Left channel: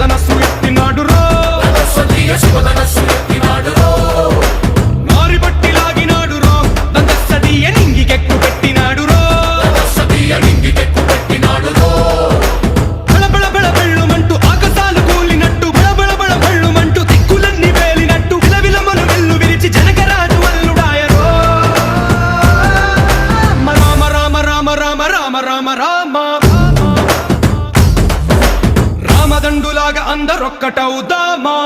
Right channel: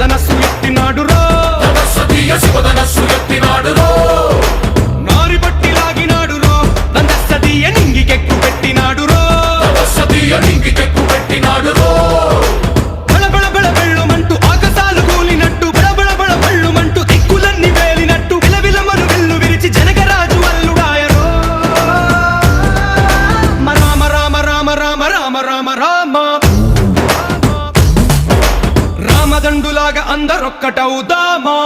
శివధనస్సు ఎత్తినాడురో శివధనస్సు ఎత్తినాడురో నారి బట్టి లాగినాడురో దందస్సదీయ నింగికెక్కు పెట్టినాడురో నింగికెక్కు పెట్టినాడురో బళబళ బెళ్ళుమంటూ ఆకాశాలు కూలినట్టు బళబళ బెళ్ళుమంటూ దిక్కులన్నీ వేలినట్టు విలవిలమలు వెల్లు విరిచి జనకరాజు అల్లుడాయరో రామ రామ రామ రామ రామ రామ రామ రామదండులాగా అందరొక్కటవుదామా